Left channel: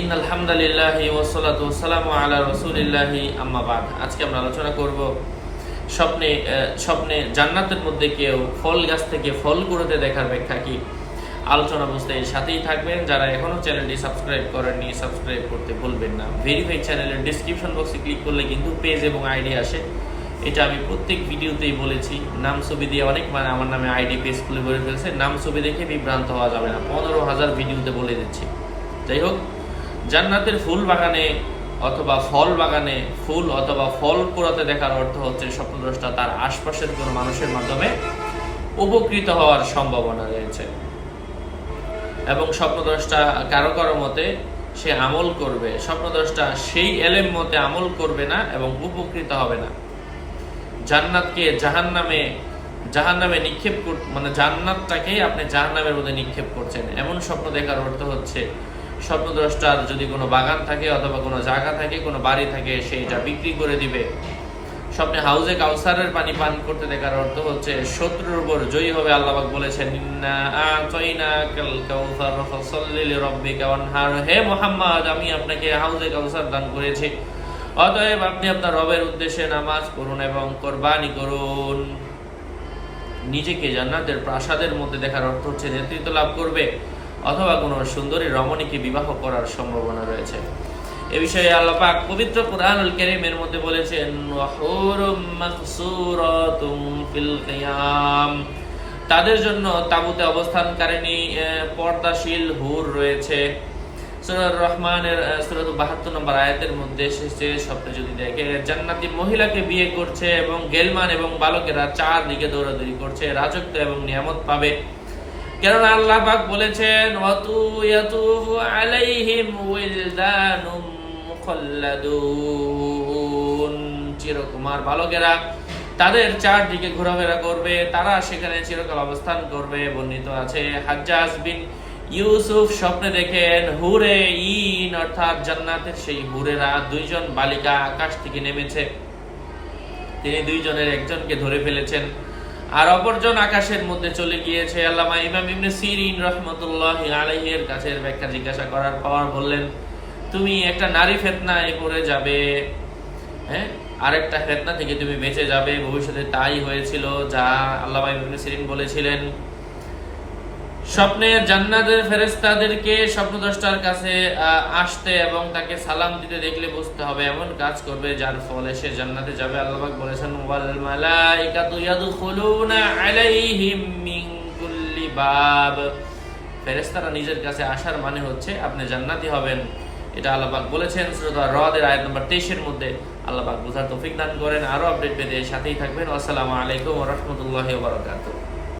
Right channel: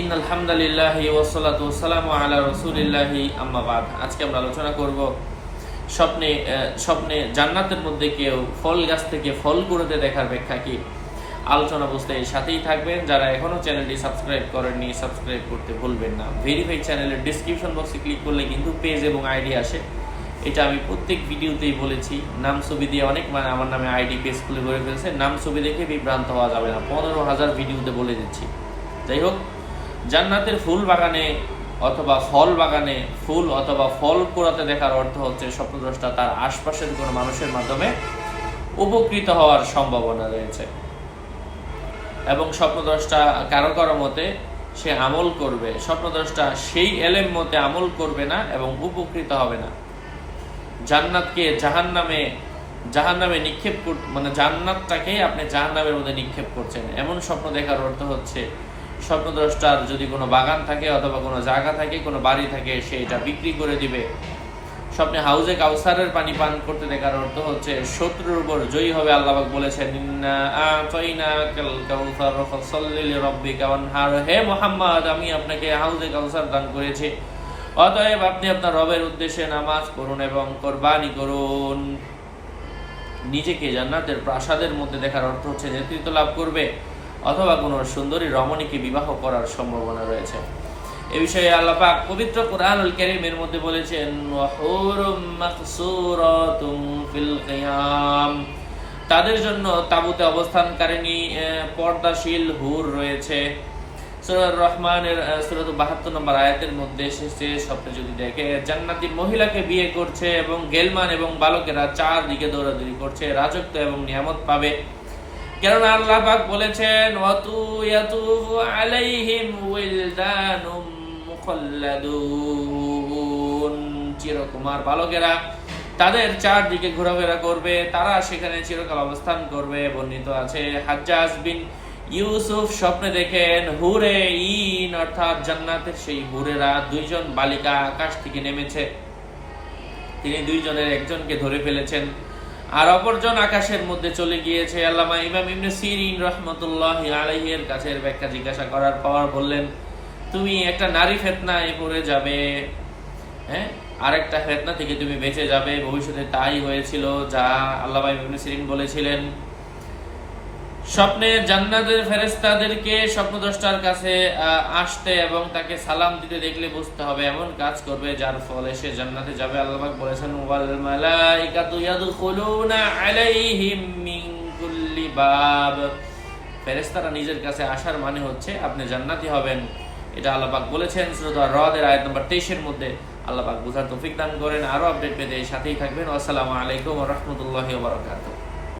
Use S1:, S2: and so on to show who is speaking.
S1: In আলহামদুলিল্লাহ ওসলাতু সালামু আলা রসুলিল্লাহি, আম্মা বাদ। আজকে আমরা আলোচনা করব স্বপ্নে স্বপ্নে জান্নাতের মধ্যে কেউ ফল গাছ থেকে ফল কুড়োতে দেখার ব্যাখ্যা কি? আলোচনা বুঝতে সাথেই থাকবেন। যারা এখনও চ্যানেলটি সাবস্ক্রাইব করেননি, সাবস্ক্রাইব করতে ভুলবেন না। ভেরিফাই চ্যানেলের ডিসক্রিপশন বক্সে ক্লিক করলে কিন্তু পেজ এবং আইডি আসে। এটা আমি প্রত্যেক ভিডিওতেই বলেছি। নাম, ছবি দিয়ে অনেক মানে আমার নামে আইডি পেজ খুলে করে ফেলছে। নাম, ছবি দেখে বিভ্রান্ত হওয়া যাবে না। পনেরো হাজার ভিডিওতে বলে দিচ্ছি। যাই হোক জান্নাতের ফুল বাগানে অথবা ফল বাগানে, ফুল অথবা ফল কুড়াতে দেখার অর্থ হচ্ছে স্বপ্নদ্রষ্টা তার আশপাশের কোনো মানুষের মাধ্যমে উপকৃত হওয়ার সম্ভাবনা রয়েছে। এবং স্বপ্নদ্রষ্টা কারও কারও মতে সে আমল করবে। স্বপ্নদ্রষ্টা সেই এলেম মতে আমল করবে না এবং উপকৃত হবে না। জান্নাতকে জাহান নামে জাহান নামে নিক্ষেপ মানে জান্নাতটাকেই আপনি জাহান নামের মধ্যে নিক্ষেপ করছেন। এমন স্বপ্ন দেখার অর্থ হচ্ছে স্বপ্নদ্রষ্টার যদি কোনো বাগান থাকে অথবা কোনো জায়গা থাকে, কোনো বাড়ি থাকে, সে এটা বিক্রি করে দিবে। স্বপ্নে হাউজে কাউসারের পানি পান করতে দেখার অর্থ হচ্ছে শত্রুর উপর জয়ী হবে আল্লাহবাক বলেছেন হে মুহাম্মদ, আমি আপনাকে হাউজে কাউসার দান করেছি। অতএব আপনি আপনার রবের উদ্দেশ্যে নামাজ করুন এবং কোরবানি করুন। নিজেকে জান্নাতের প্রাসাদের মধ্যে দেখার অর্থ হচ্ছে নেতৃত্ব লাভ করবে। অথবা কোনো সুন্দরী রমণীকে বিবাহ করার সম্ভাবনা রয়েছে। এ বিষয়ে আল্লাহ পাক পবিত্র কোরআনুল কারীমের মধ্যে বলেছেন ফিল কিয়াম তাদের জন্য তাবুতে অবস্থানকারিণী পর্দাশীল হুর রয়েছে। সূরার রহমানের সুরত বাহাত্তর নম্বর আয়াতের মধ্যে এসেছে স্বপ্নে যদি দেখে, জান্নাতি মহিলাকে বিয়ে করছে এবং গেলমান এবং বালকেরা চারদিকে দৌড়াদৌড়ি করছে, রাজত্ব এবং নিয়ামত পাবে। কেননা আল্লাহ পাক বলেছেন আলাইহিম উইলদানুম মুখাল্লাদুন। চিরকুমার বালকেরা তাদের চারদিকে ঘোরাফেরা করবে, তারা সেখানে চিরকাল অবস্থান করবে, বর্ণিত আছে হাজ্জাজ বিন ইউসুফ স্বপ্নে দেখেন, হুরে ইন, অর্থাৎ জান্নাতের সেই হুরেরা দুইজন বালিকা আকাশ থেকে নেমেছে। তিনি দুইজনের একজনকে ধরে ফেলেছেন। আর অপরজন আকাশের মধ্যে চলে গিয়েছে, আল্লামা ইমাম ইবনে সিরিন রহমতুল্লাহ আলাইহের কাছের ব্যাখ্যা জিজ্ঞাসা করার পর বললেন, তুমি একটা নারী ফেতনায় পড়ে যাবে হ্যাঁ? আরেকটা ফেতনা থেকে তুমি বেঁচে যাবে। ভবিষ্যতে তাই হয়েছিল যা আল্লামা ইবনে সিরিন বলেছিলেন। স্বপ্নে জান্নাতের ফেরেস্তাদেরকে স্বপ্নদ্রষ্টার কাছে আসতে এবং তাকে সালাম দিতে দেখলে বুঝতে হবে এমন কাজ করবে যার ফলে সে জান্নাতে যাবে। আল্লাহ পাক বলেছেন, ওয়াল মালাইকাতু ইয়াদখুলুনা আলাইহিম মিন কুল্লি বাব। ফেরেশতারা নিজের কাছে আসার মানে হচ্ছে আপনি জান্নাতি হবেন। এটা আল্লাহ পাক বলেছেন সূরা রদের আয়াত নম্বর 23 এর মধ্যে। আল্লাহ পাক বুঝার তৌফিক দান করেন। আরও আপডেট পেতে সাথেই থাকবেন। আসসালামু আলাইকুম রাহমাতুল্লাহি বারাকাতুহু।